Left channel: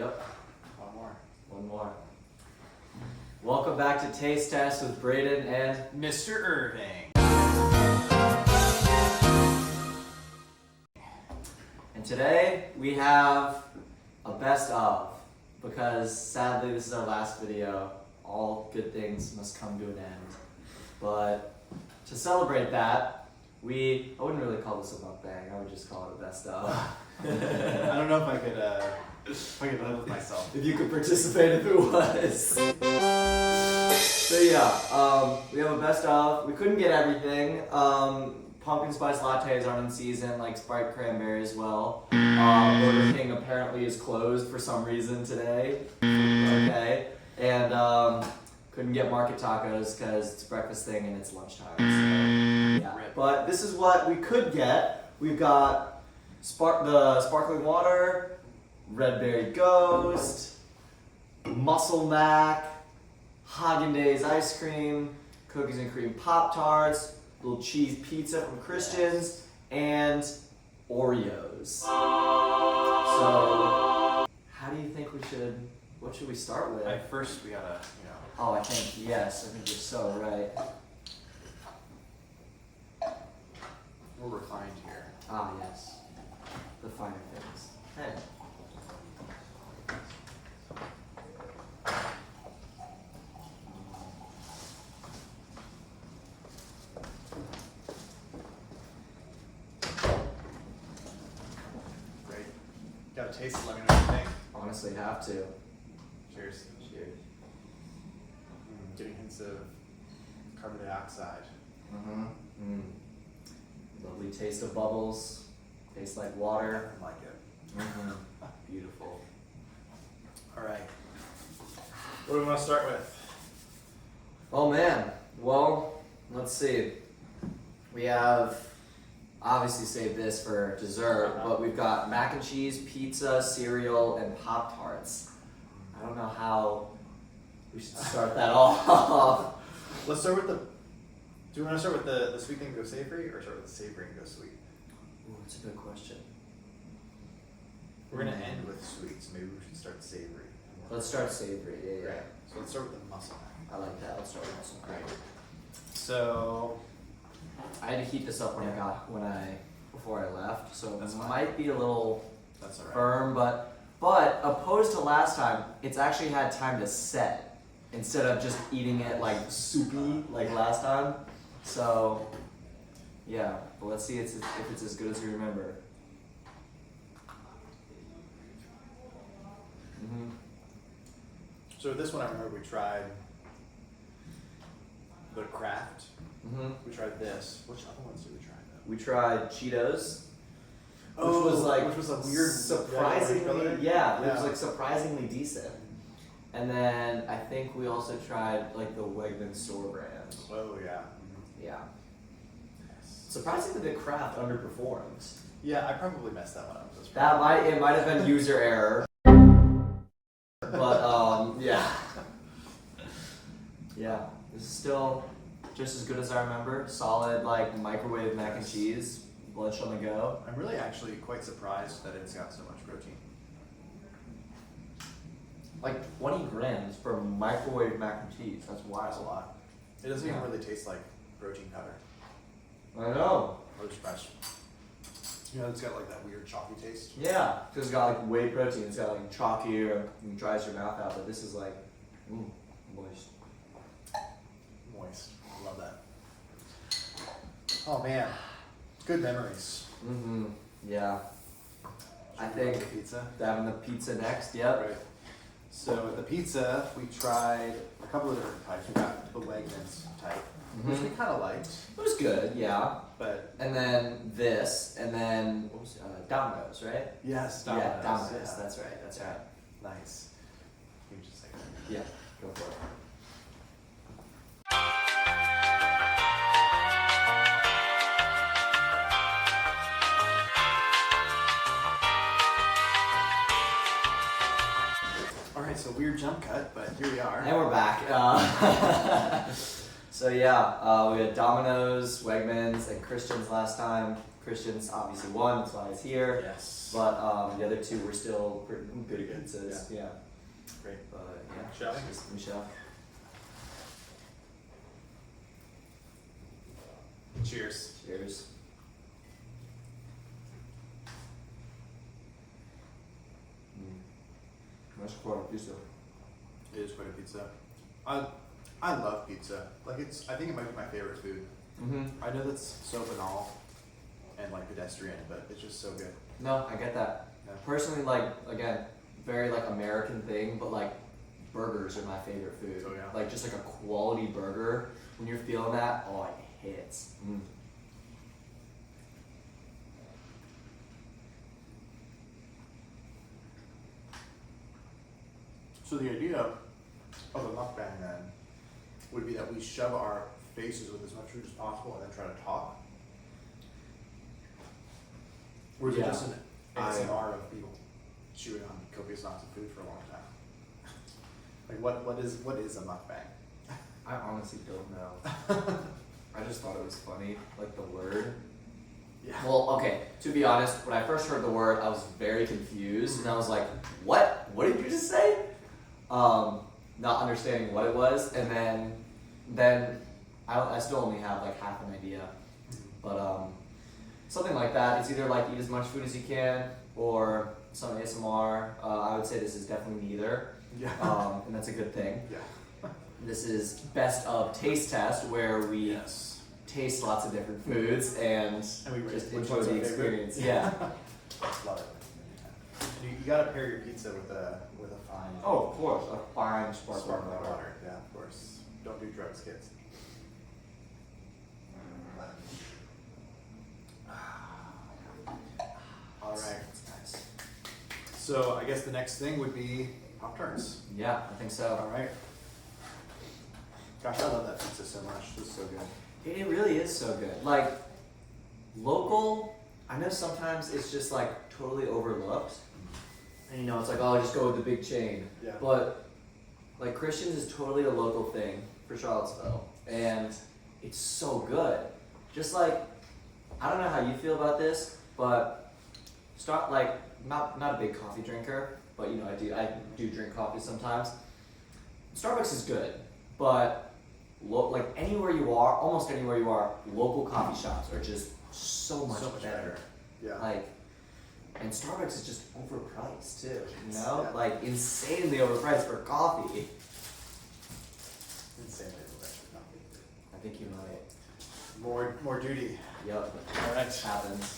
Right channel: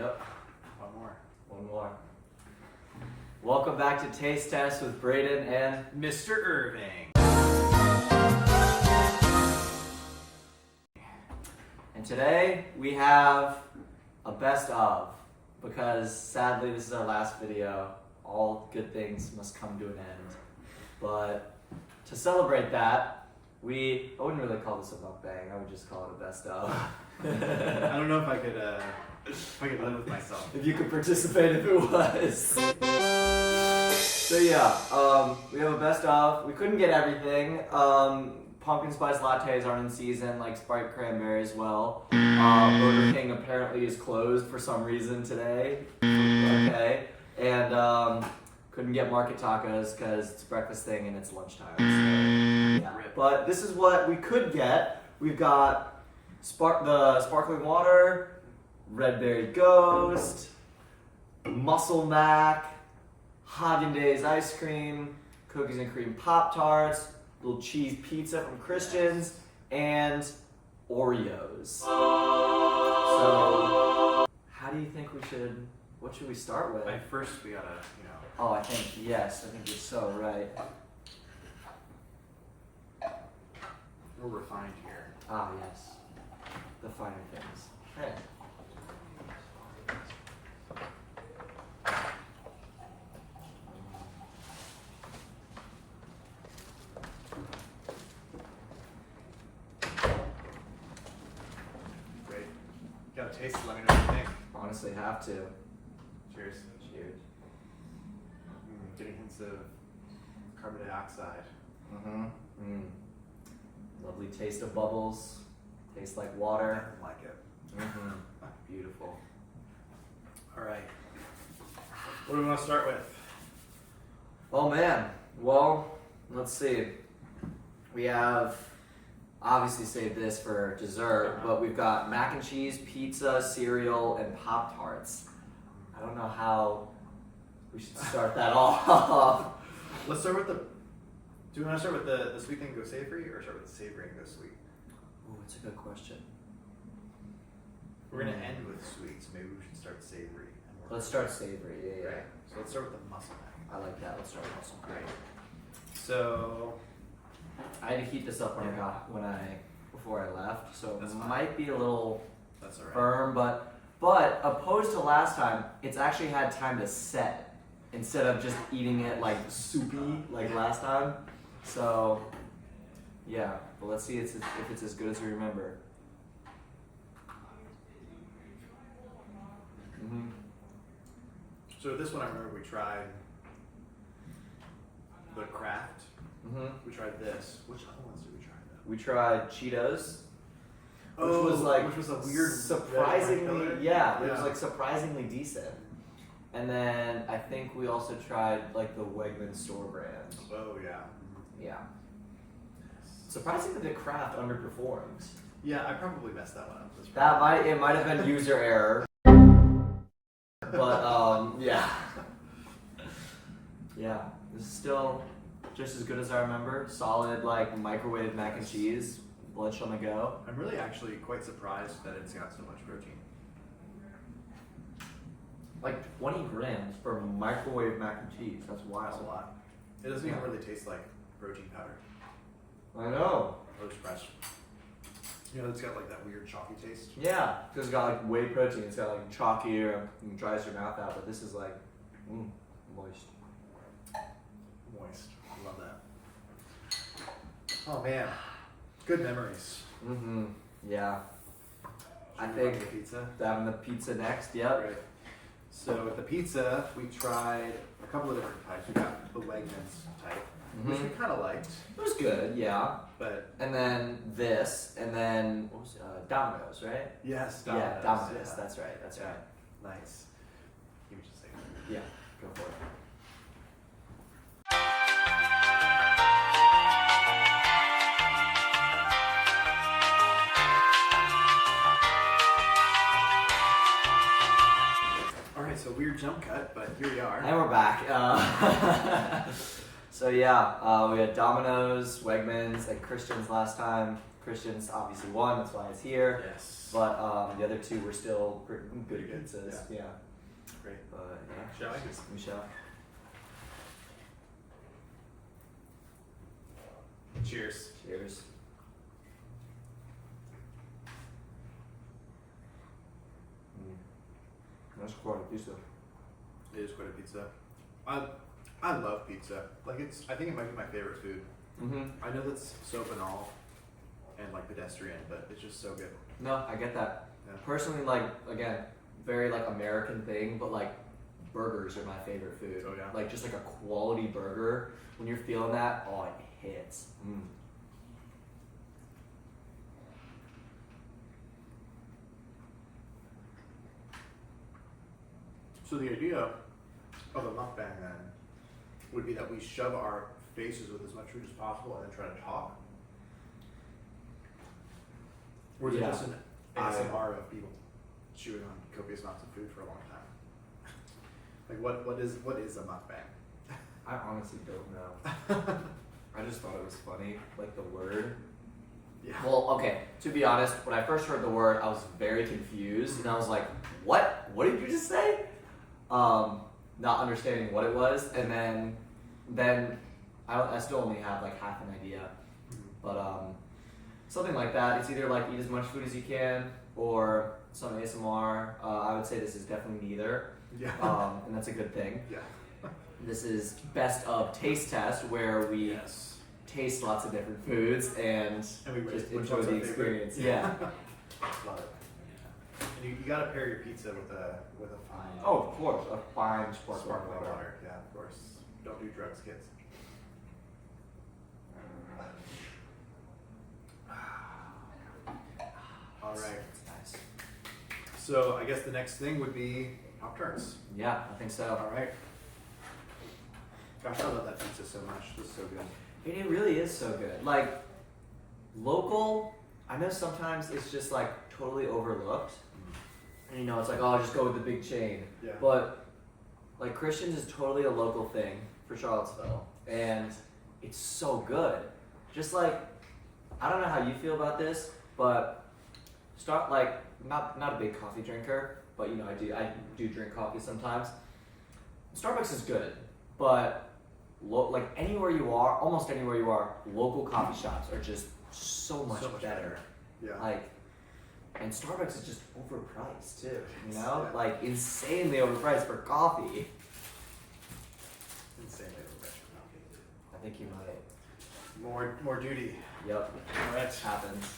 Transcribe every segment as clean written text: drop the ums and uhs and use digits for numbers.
Yep. One more. One more. Welcome back to Taste Test with Braden and Mr. Irving. And today we have a best of, because sadly this is our last video. All good things must come to an end. But to celebrate that, I wouldn't really call this a mukbang, I would just call it a best of. I don't know if I could live with myself. If you could participate if it was. So yeah, we have a best of. We couldn't get everything. Pumpkin spice lattes aren't in season, like Sprite cranberry as well. Burger King apparently is closed for some reason today. Okay. And couldn't get market tacos because it's a breakfast thing and it's lunchtime. So, yeah. But this is what we could get. We've got the sparkling water, Red Berry Ghost, Muscle Mac, Haagen-Dazs ice cream, cookies and cream Pop-Tarts, little cheese pizza from Christian's, and Oreos. So, how do you think what should we start with? First we gotta, Oh, I think you're so right. we're refined here. Ah, yes. The finer things. Hey. Great. Gotta taste it, let me know what you think. Honestly, have to. Cheers. Cheers. Getting hints of carbon dioxide. Lovely taste of bubbles. Tastes like water. I like it. Beautiful. Alright. What do we want to start with? Oh man. Well, let's see. We have obviously saved this for dessert, but we've got mac and cheese, pizza, cereal, and Pop-Tarts. I don't know how we should start that off. Let's start with do we want to start with the sweet thing and go savory, or start with the savory and go sweet? Ooh, that's a good question. We're going to end with sweet, so maybe we should start savory. Let's start savory, yeah. Right. So let's start with the muscle mac. I like that. Let's start with muscle. Great. So I had to heat this up before I left, so That's it fine. might be a little that's alright. firm, but opposed to last time, it's actually had time to set instead of just eating it like soupy like last time. So yeah, but let's see if it's as good as we remember. So this one I remember we tried the Kraft. We tried this. Which other ones did we try though? We tried Cheetos, Which was a weird surprisingly, red color. it was like surprisingly decent. And then I think we also tried like the Wegmans store brand. Oh yeah. Yeah. Surprising that the Kraft underperforms. Yeah, I probably messed that one up. That's It might have been user error. But yeah. Yeah. This is still just as good as I remember. Solid like microwave mac and cheese, lunch on the go. I'm really actually quite surprised that it's got so much protein. Like 20 grams for microwave mac and cheese. That's wild. That's a lot. It doesn't even really taste like protein powder. I know. Or surprised. It's got like that weird chalky taste. Yeah, because it's got like whey protein. It's got like chalky or it dries your mouth out. But this is like moist. Moist. I love that. Oh man. Good memories. Yeah. I Should we go think to the pizza. having the pizza next. Yep. Right. So at the pizza, we tried a couple of different types. We got the Wegmans type, which we kind of liked, It was good. Yeah. but And then this, and then what was Domino's, right? yes, Yeah, Domino's. yeah. That's right. That's right. Nice. Give me just a second. Yeah. Go for it. All right, so weird jump cut, but here we are. And we're back. So yeah, we had Domino's, Wegmans, and Christian's last time. Christian's obviously won, that's why it's here. Yes. But the other two were still pretty good pizzas. Yeah. Great. But yeah. Shall we? Michelle. Cheers. Cheers. That's quite a pizza. It is quite a pizza. I love pizza. Like I think it might be my favorite food. Mm-hmm. I know that's so banal and like pedestrian, but it's just so good. No, I get that. Yeah. Personally, like again, very like American thing, but like burgers are my favorite food. Oh, yeah. Like just like a quality burger. When you're feeling that, oh, it hits. Mm. So the idea of a mukbang then would be that we shove our faces with as much food as possible and then try to talk. Or is it Yeah. just an ASMR of people chewing on copious amounts of food for a long time? Like what is a mukbang? I honestly don't know. I just thought it was funny, like the word. Yeah. Well, okay, to be honest, when I first heard the word, I was very confused, and I was like, what? What did you just say? Not understanding what it was, and then I still only have like half an idea. But something like that. It's either like eat as much food as you can, or some ASMR. I would say this is definitely neither. Yeah. And that's a good thing. Yeah. This is best of taste test, where we Yes. taste lots of different foods and And we rate just which enjoy one's the our favorite. experience. Yeah. Love it. And you gotta pair your pizza with a fine Oh, of course, a fine sparkling sparkling water. water. Yeah, of course. Don't do drugs, kids. All right. That's nice. So I guess the next thing would be Pop-Tarts. Yeah, I think so. All right. Gosh, I love that pizza so much. It's so good. It really is so good. Like local, I know sometimes it's just like totally overlooked. And you know, it's like, oh, just go with the big chain. Yeah. But like Christian's is totally a local thing for Charlottesville, and it's so good. Just like, I don't know how you feel about this, but start like not a big coffee drinker, but you know I do drink coffee sometimes. Starbucks is good, but like anywhere you are, almost anywhere you are, local coffee shops are just so much better. Yeah. Like, and Starbucks is just overpriced too, you Yes, know? yeah. Like insanely overpriced for coffee. Insanely refreshing coffee. I think you might. More duty. Yep. All right. Happens.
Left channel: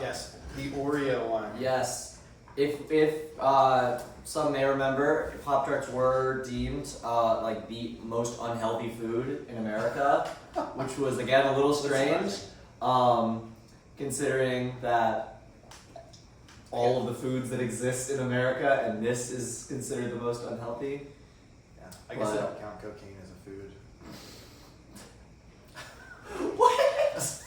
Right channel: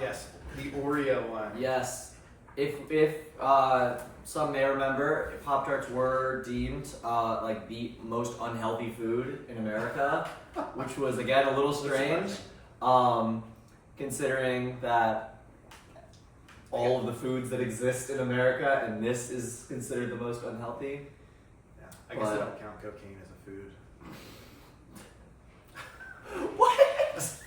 Yes, the Oreo one. Yes. If some may remember, Pop-Tarts were deemed like the most unhealthy food in America, which was again a little strange, considering that all of the foods that exist in America and this is considered the most unhealthy. Yeah. I guess they But- don't count cocaine as a food. What?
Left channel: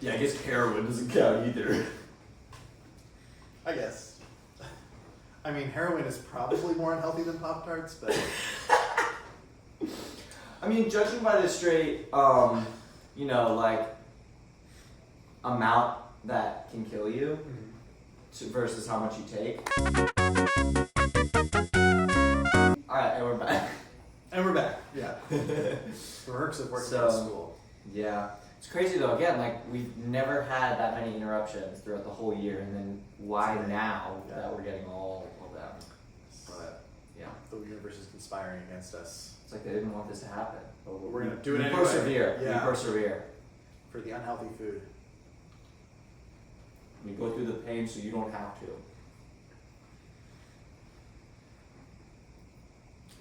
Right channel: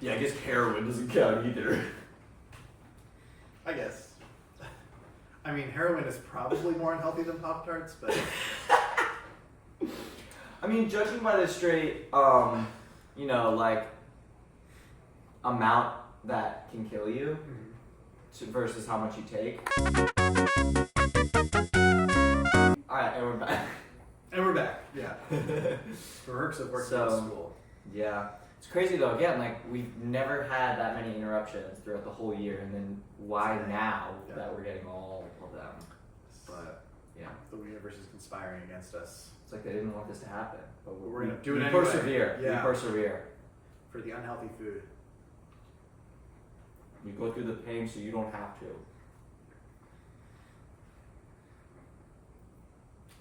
Yeah, I guess heroin doesn't count either. I guess. I mean, heroin is probably more unhealthy than Pop-Tarts, but I mean, judging by the straight, you know, like amount that can kill you versus how much you take. All right, and we're back. And we're back. Yeah. The perks of working So- in school. Yeah, it's crazy though. Again, like we've never had that many interruptions throughout the whole year, and then why now Yeah. that we're getting all of them? But yeah, The universe is conspiring against us it's like they didn't want this to happen, but We're gonna do it we anyway. persevere. Yeah. We persevere. for the unhealthy food. We go through the pain so you don't have to.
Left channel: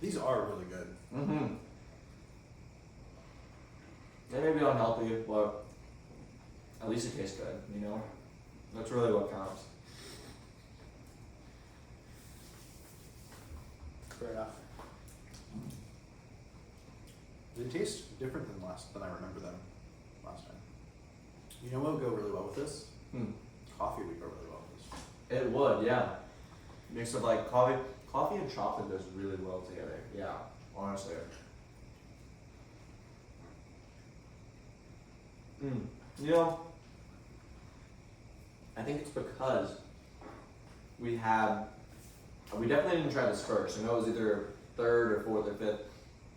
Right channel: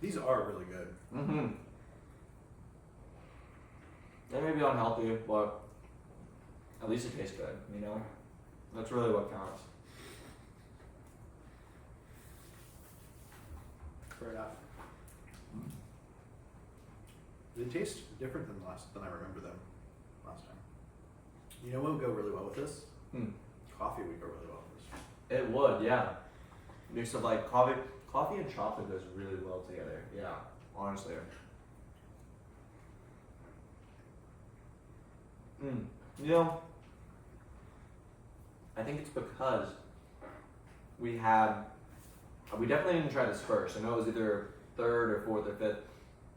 These are really good. Mm-hmm. They may be unhealthy, but at least it tastes good, you know? That's really what counts. Fair enough. They taste different than I remember them last time. You know what would go really well with this? Hmm. Coffee would go really well with this. It would, yeah. Mix of like coffee and chocolate goes really well together. Yeah, honestly. You know, I think it's because we definitely didn't try this first. I know it was either third or fourth or fifth.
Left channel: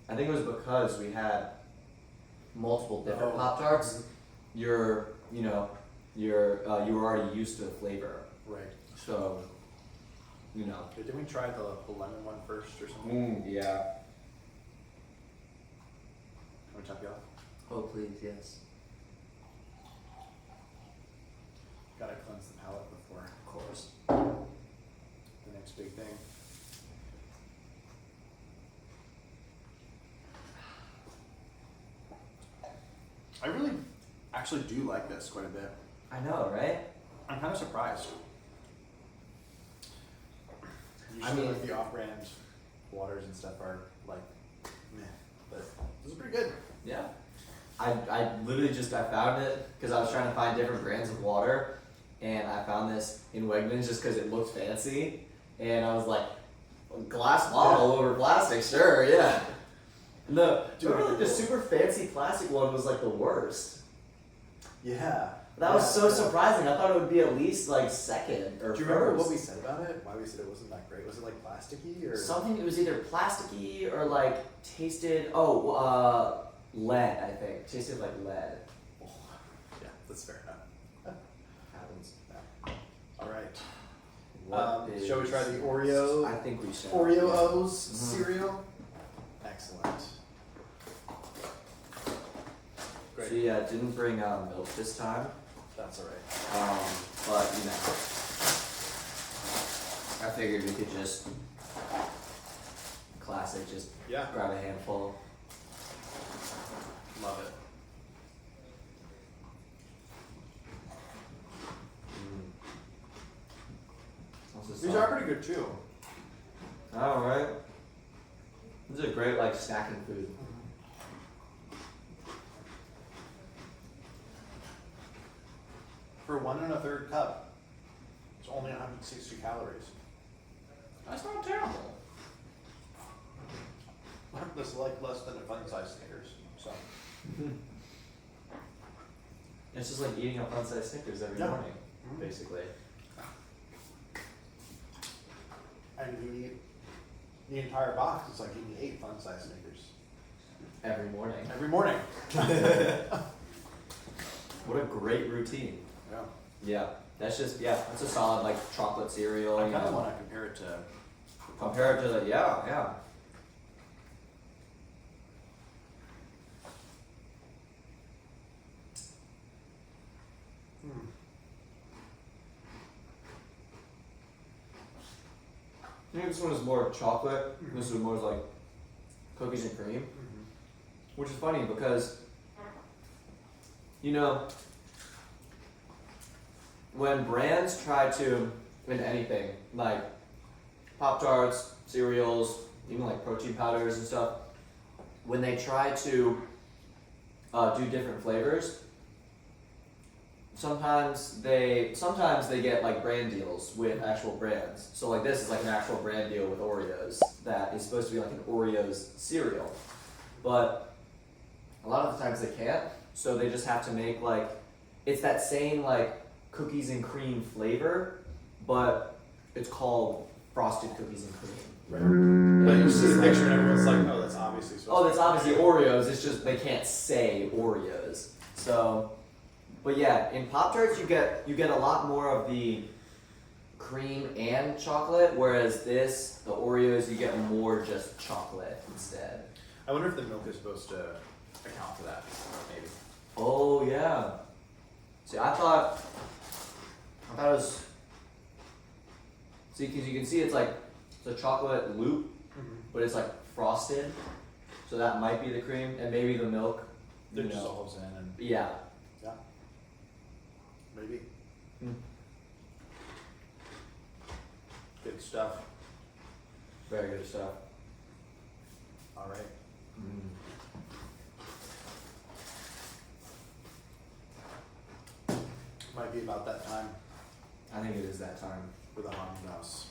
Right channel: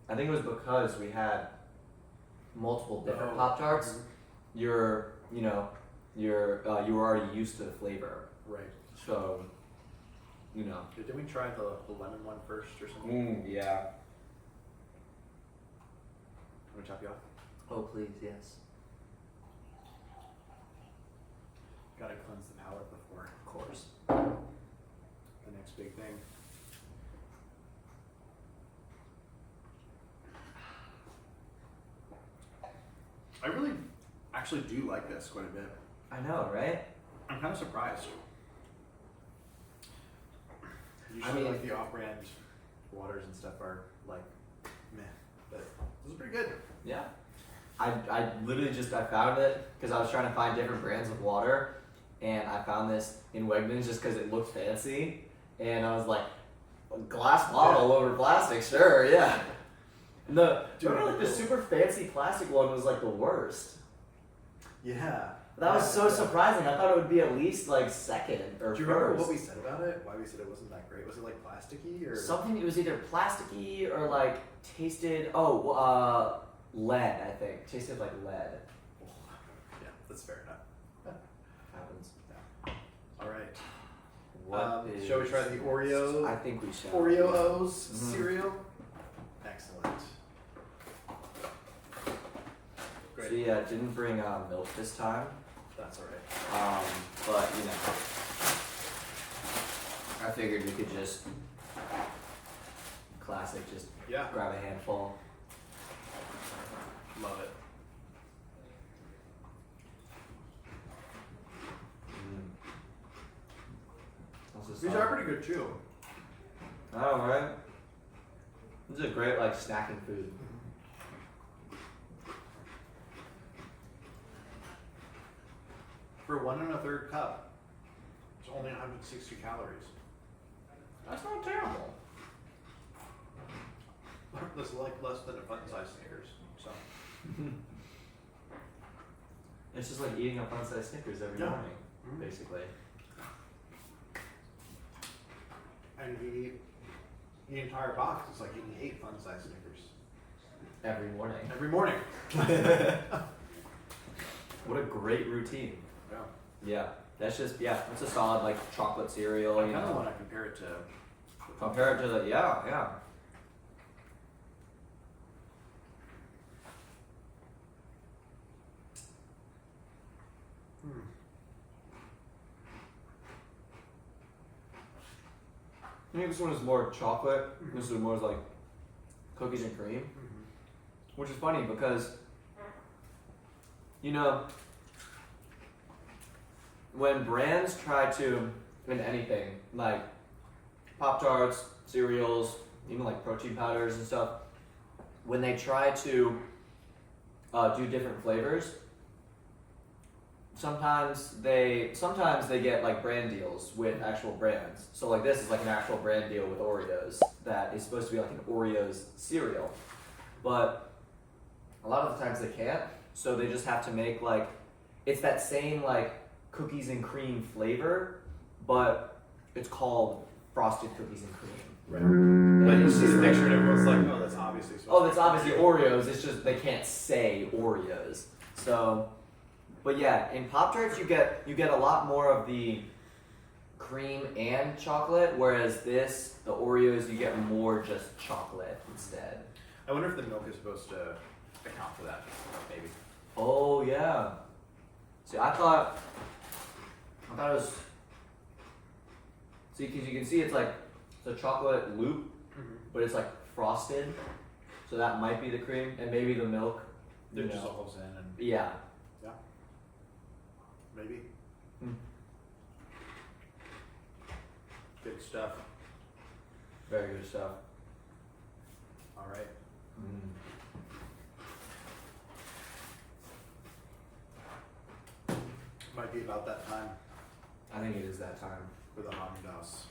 I think it was because we had multiple different Pop-Tarts. You were already used to the flavor. Right. So, you know. Did we try the lemon one first or something? Yeah. Let me top you off. Oh, please, yes. Gotta cleanse the palate before Of course. the next big thing. I really actually do like this quite a bit. I know, right? I'm kind of surprised. I Usually, mean- like the off-brand waters and stuff are like, meh, but this is pretty good. Yeah. I literally I found it because I was trying to find different brands of water, and I found this in Wegmans just because it looked fancy, and I was like, glass bottle over plastic, sure, yeah. And remember, like, the super fancy plastic one was like the worst. Yeah. That was so surprising. I thought it would be at least like second or Do you remember what we said about it? Why we said it wasn't that great? Was it like plasticky or something? It was either plasticky or like tasted. Lead. I think tasted like lead. Oh, yeah, that's fair enough. Happens. Yeah. All right. What Shall we try the Oreo? I think we should. Oreo O's Mhm. cereal. Excellent. Great. She didn't bring milk this time, That's all right. but you know, I figured we could just classic, just Yeah, grab a handful. love it. These are pretty good too. Oh, right. This is a great like snacking food. For 1 1/3 cup, it's only 160 calories. That's not terrible. This is like less than a fun-sized Snickers. So It's just like eating a fun-sized Snickers every Yeah. morning, Mhm. basically. and if you eat the entire box, it's like eating 8 fun-sized Snickers Every morning. every morning. What a great routine. Yeah. Yeah, that's a solid like chocolate cereal. I you kind of know. want to compare it to. Compare it to the yeah. Hmm. I think this one is more chocolate. Mhm. This is more like cookies and cream, Mhm. which is funny because you know when brands try to in anything like Pop-Tarts, cereals, even like protein powders and stuff, when they try to do different flavors, sometimes they get like brand deals with actual brands. So like this is like an actual brand deal with Oreos that is supposed to be like an Oreos cereal, but a lot of the times they can't. So they just have to make like it's that same like cookies and cream flavor, but it's called frosted cookies and cream. But you It's see just the like- picture and everyone's like, oh, that's obviously supposed Oh, to that's be obviously Oreo. Oreos. It's just they can't say Oreos. So, but yeah, in Pop-Tarts you get a lot more of the cream and chocolate, whereas the Oreos you get more just chocolate instead. I wonder if the milk is supposed to account for that. Maybe. Oh yeah. See, I thought it was. See, because you can see it's like it's a chocolate loop, Mm-hmm. but it's like frosted, so that might be the cream, and maybe the milk. You It know. dissolves in and Yeah. yeah, maybe. Hmm. Good stuff. Very good stuff. All right. Mm. Might be about that time. I think it is that time. for the Haunted Mouse.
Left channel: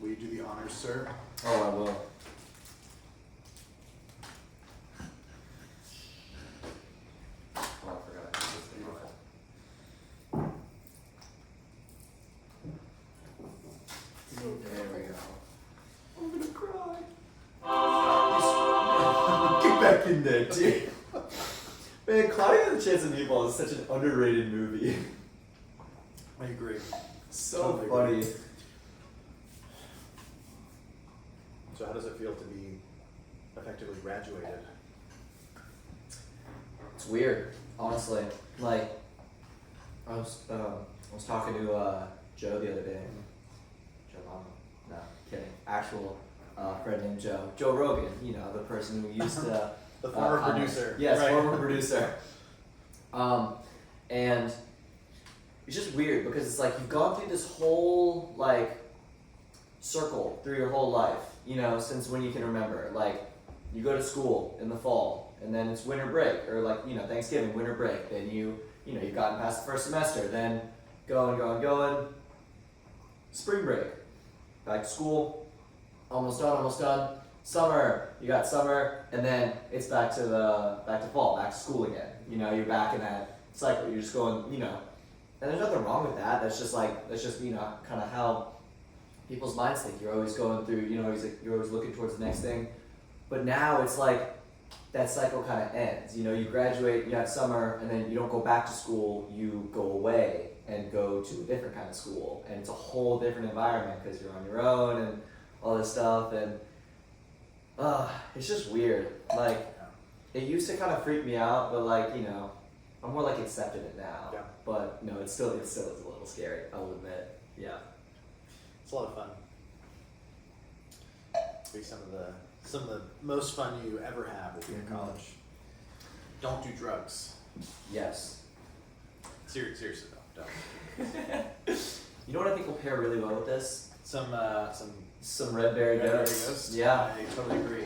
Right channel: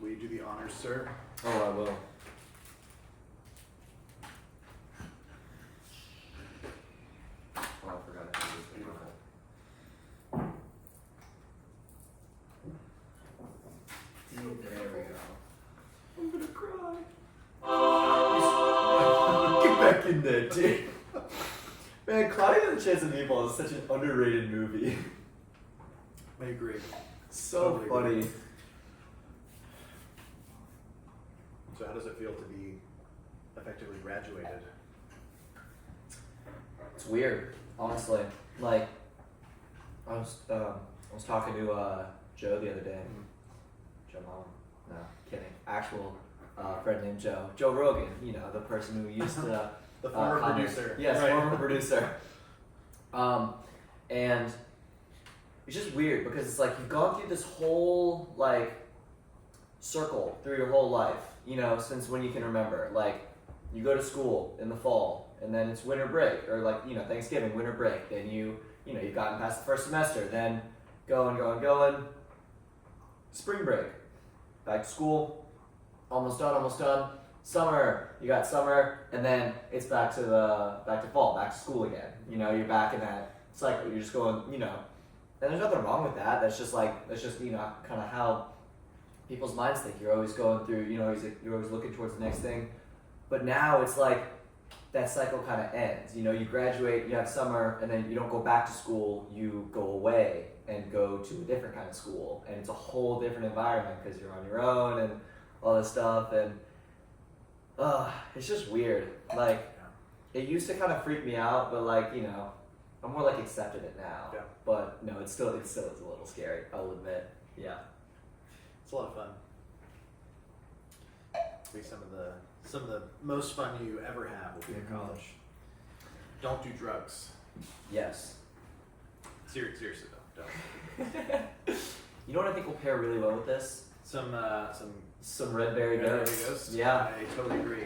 Will you do the honors, sir? Oh, I will. Oh, I forgot to put this thing on. There we go. I'm gonna cry. Get back in there, dude. Man, Cloudy with a Chance of Meatballs is such an underrated movie. I agree. So Totally funny. agree. So how does it feel to be effectively graduated? It's weird, honestly. Like, I was talking to Joe the other day. Joe Mama. No, kidding. Actual friend named Joe. Joe Rogan. You know, the person who used to. The former comment. producer. Yes, Right. former producer. And it's just weird because it's like you've gone through this whole like circle through your whole life, you know, since when you can remember. Like you go to school in the fall, and then it's winter break, or like, you know, Thanksgiving, winter break. Then you've gotten past the first semester. Then going. Spring break, back to school, almost done. Summer, you got summer, and then it's back to fall, back to school again. You know, you're back in that cycle. You're just going, you know, and there's nothing wrong with that. That's just you know, kind of how people's minds think. You're always going through, you know, you're always looking towards the next thing. But now it's like that cycle kind of ends. You know, you graduate, you have summer, and then you don't go back to school. You go away and go to a different kind of school, and it's a whole different environment because you're on your own and all this stuff. And it's just weird. Like, it used to kind of freak me out, but like, you know, I'm more like accepted it now. Yeah. But no, it still is a little scary, I'll admit. Yeah. It's a lot of fun. Be some of the most fun you ever have if you're in college. Don't do drugs. Yes. Seriously though, don't. You know what I think will pair really well with this? Some Red Berry Red Berry Ghost. Ghost. Yeah. I totally agree.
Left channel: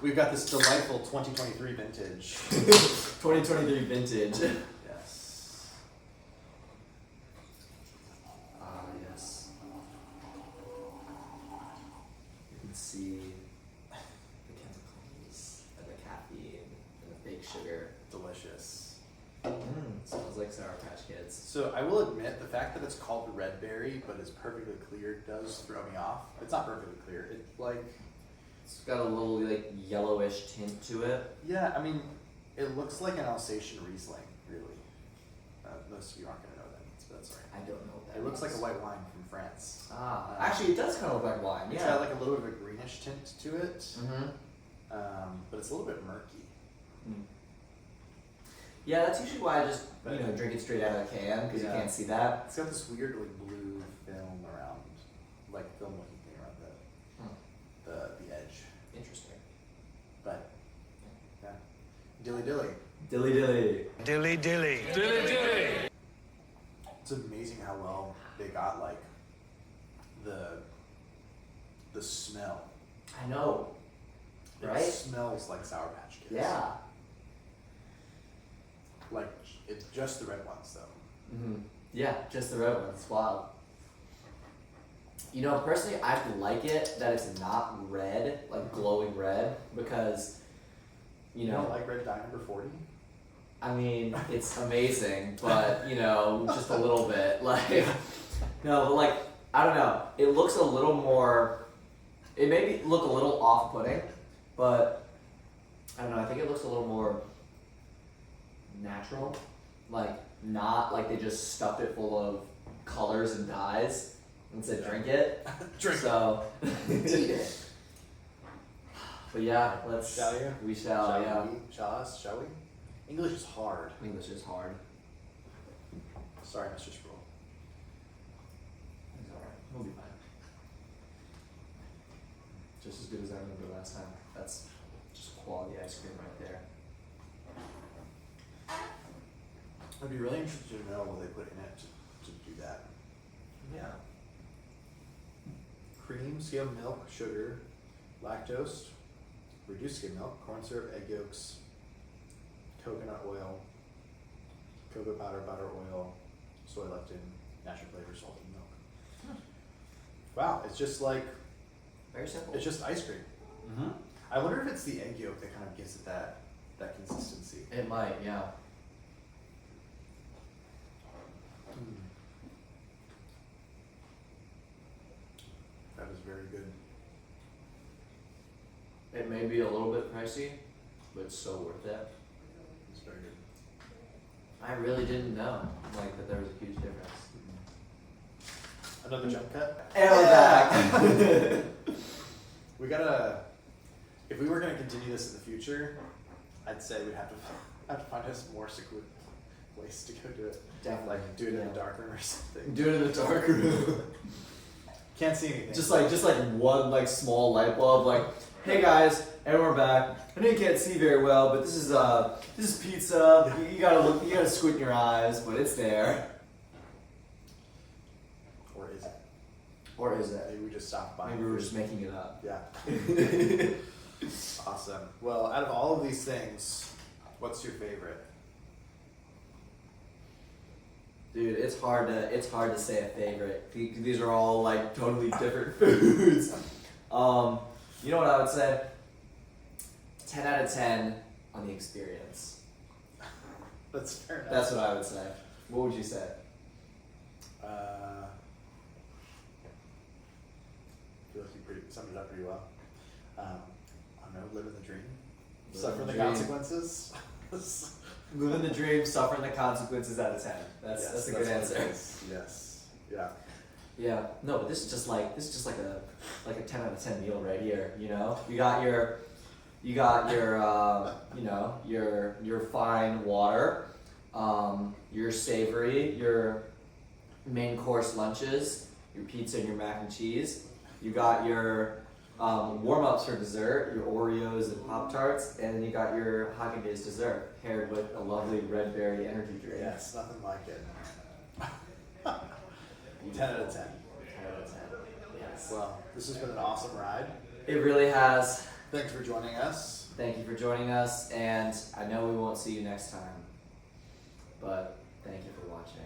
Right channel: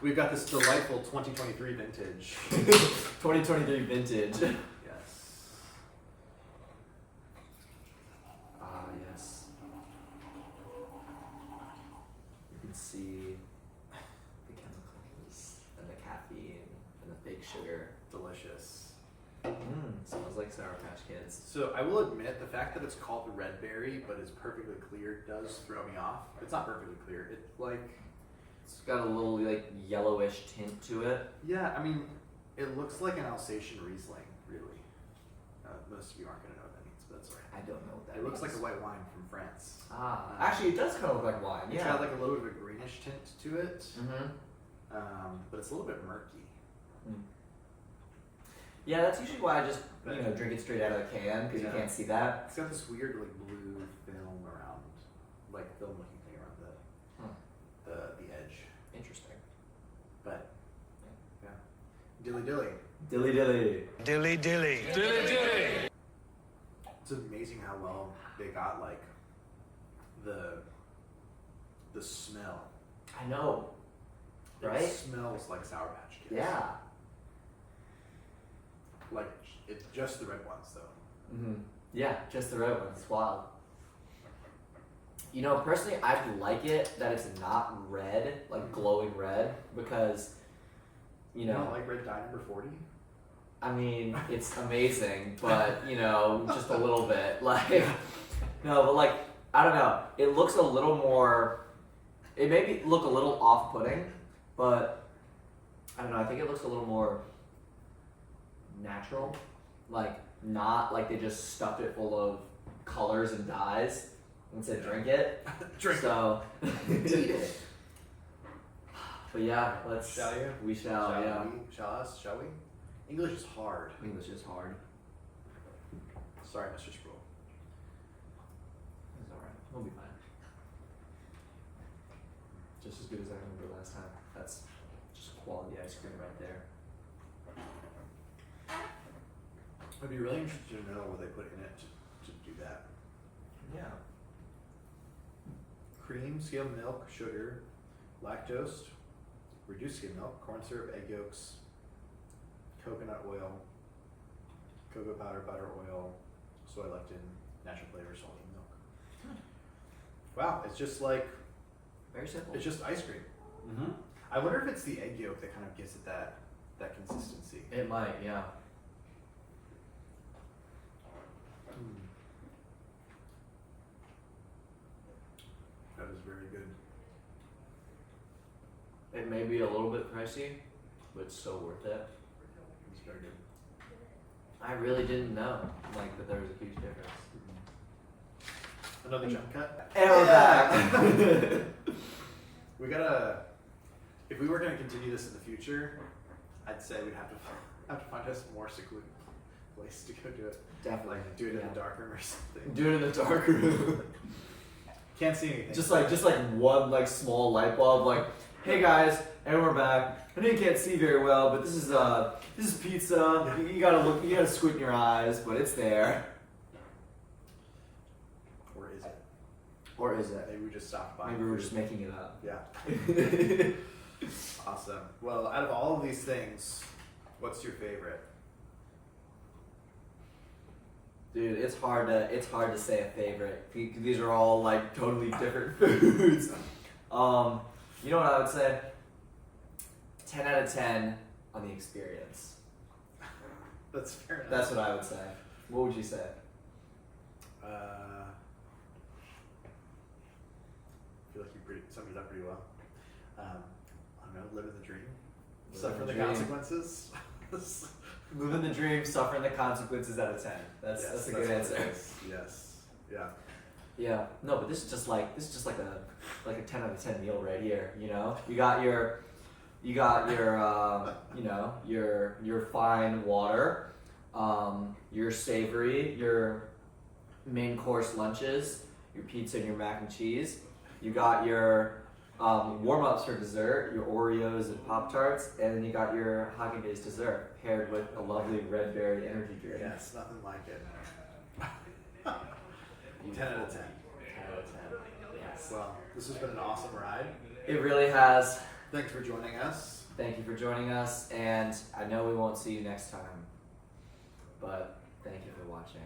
We've got this delightful 2023 vintage. 2023 vintage. Yes. Ah, yes. You can see the chemicals and the caffeine and the fake sugar. Delicious. Smells like Sour Patch Kids. So I will admit, the fact that it's called red berry but is perfectly clear does throw me off. It's not perfectly clear. It's like, It's got a little like yellowish tint to it. yeah, I mean, it looks like an Alsatian Riesling, really. Most of you aren't going to know what that means, but that's alright. I don't know what that It looks like means. a white wine from France. Ah, actually, it does kind of look like wine. It's Yeah. got like a little bit of a greenish tint to it, Mm-hmm. but it's a little bit murky. Yeah, that's usually why I just drink it straight out of the can because Yeah. you can't see that. It's got this weird like blue film around, like film looking thing around the edge. Interesting. But yeah, dilly dilly. Dilly dilly. Dilly dilly. Dilly dilly. It's amazing how well they got like the smell. I know. It Right? smells like Sour Patch Kids. Yeah. Like it's just the red ones though. Mm-hmm. Yeah, just the red one. It's wild. You know, personally, I like it that it's not red, like glowing red, because, you You know, don't like red dye number 40? I mean, it's amazing, but, you know, just a little bit. Like, no, but like, I don't know. It looks a little more, it maybe look a little off-putting, but I don't know. I think it looks a little more natural. Like, not like they just stuffed it full of colors and dyes and said, drink it. Drink So, eat it. But yeah, let's. Shall you? We shall, yeah. Shall we? English is hard. English is hard. Sorry, Mr. Sproul. It's alright. We'll be fine. Just as good as I remember last time. That's just quality ice cream right there. I'd be really interested to know what they put in it to do that. Yeah. Cream, skim milk, sugar, lactose, reduced skim milk, corn syrup, egg yolks, coconut oil, cocoa powder, butter oil, soy lectin, natural flavor, salty milk. Wow, it's just like, Very simple. it's just ice cream. Mm-hmm. I wonder if it's the egg yolk that kind of gives it that consistency. It might, yeah. That is very good. It may be a little bit pricey, but it's so worth it. It's very good. I really didn't know, like, that there was a huge difference. Another jump cut? And we're back. We gotta, if we were gonna continue this in the future, I'd say we'd have to find us more secluded place to go do it. Definitely. Like do it in Yeah. a dark room or something. Do it in the dark room. Can't see anything. just like one like small light bulb, like, hey guys, and we're back. I know you can't see very well, but this is pizza. You gotta squint your eyes, but it's there. Or is it? Or is it? Maybe we just stopped by. Maybe we're just making it up. Yeah. Awesome. Well, out of all of these things, what's your favorite? Dude, it's hard to say a favorite. These are all like totally different foods. You know what I would say? 10 out of 10 on the experience. That's fair enough. That's what I would say. What would you say? I feel like you summed it up pretty well. I don't know, living the dream. Living Suffer the the dream. consequences. Living the dream, suffering the consequences out of 10. That's a good what it answer. is. Yes. Yeah. Yeah. No, but this is just like a 10 out of 10 meal right here. You know, you got your you know your fine water, your savory, your main course lunches, your pizza and your mac and cheese. You got your warm-ups for dessert, your Oreos and Pop-Tarts, and then you got your Haagen-Dazs dessert paired with a lovely red berry energy drink. Yes, nothing like it. 10 Beautiful. out of 10. 10 out of 10. Yes. Well, this has been an awesome ride. It really has. Thanks for joining us. Thank you for joining us, and I know we won't see you next time, but thank you for watching.